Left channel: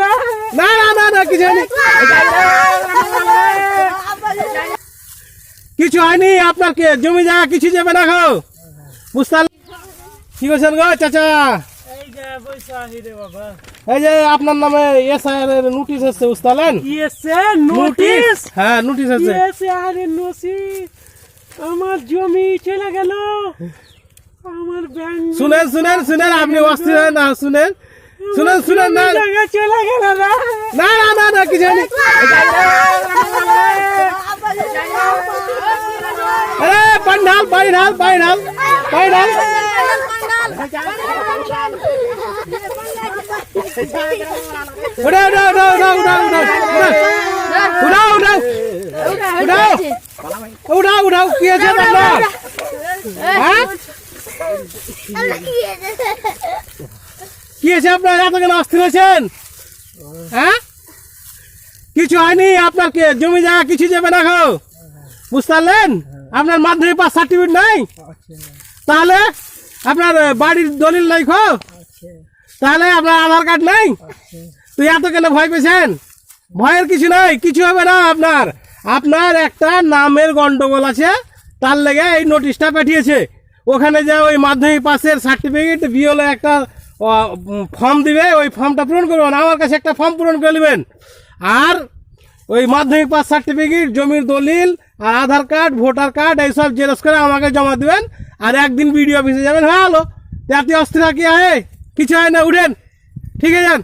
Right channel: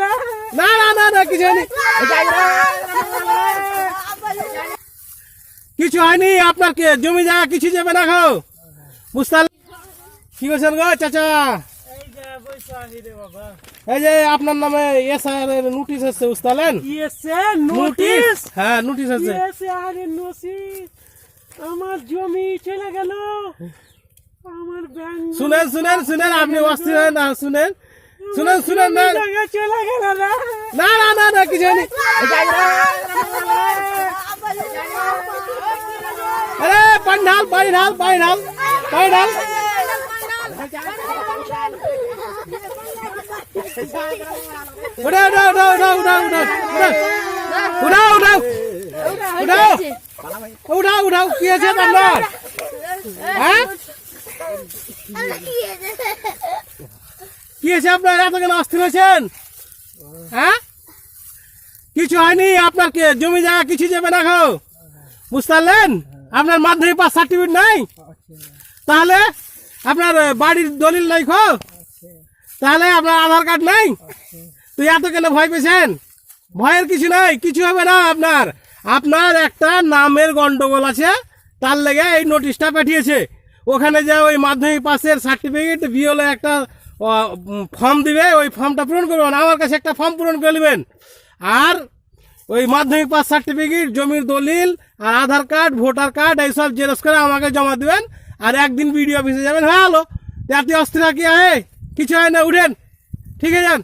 না না না না কিছু হয়নি, কিছু হয়নি। আপনার কি জমি জায়গা কিছু যাবে না গো? বুঝতে কি করছেন গো চাচা? এই যে আপনার নামে এসআর এর নোটিশ এসেছে, বুঝতে পারলেন? নোটিশ? হ্যাঁ নোটিশ আছে। আমার জমি চলে গেল, আমার ব্যাংক শুনেন শুনেন শুনেন, আপনি অস্থির হন না, শুনেন শুনেন শুনেন না জায়গা চলে গেল না। না না না না কিছু হয়নি। আরে পানি ঢাল পানি ঢাল পানি ঢাল পানি ঢাল। উঠাও উঠাও উঠাও উঠাও উঠাও উঠাও উঠাও উঠাও উঠাও উঠাও। কি আছে আপনার? হ্যাঁ কি আছে আপনার? এত কেন অস্থির হয়েছেন? হ্যাঁ কিছু হয়নি। আপনার কি জমি জায়গা কিছু যাবে না গো? বুঝতে পারলেন? আপনার মাধ্যমিক পাস সার্টিফিকেট নাই, তাহলে আপনার বাড়ির দলিল নাই খো, তাহলে আপনার আধার কার্ড নাই, তুই এত কেন ভয় পেয়েছেন? ভয়ের কিছু নাই, কিছু হবে না আপনার। আপনার একটা নামের গন্ডগোল আছে, তার লেগে এই নোটিশটা পাঠিয়েছে। ওখানে যে ওই মাধ্যমিক পাসের সার্টিফিকেট বিওলে একটা ফর্ম দিবে, ওই ফর্মটা পূরণ করবেন, আমার কাছে একটা ফর্ম পূরণ করে নেবেন। আর ওই মাধ্যমিক পাস সার্টিফিকেট, জমির দলিল, আর আধার কার্ড, ভোটার কার্ড এইসব জেরক্স করে আমাকে জমা দিবেন। আর একদিন বিডিও অফিসে যাবেন, হ্যাঁ হলো। আপনি অস্থির কি হয়? কিছু হয় না, উঠেন, ঠিক আছে যান।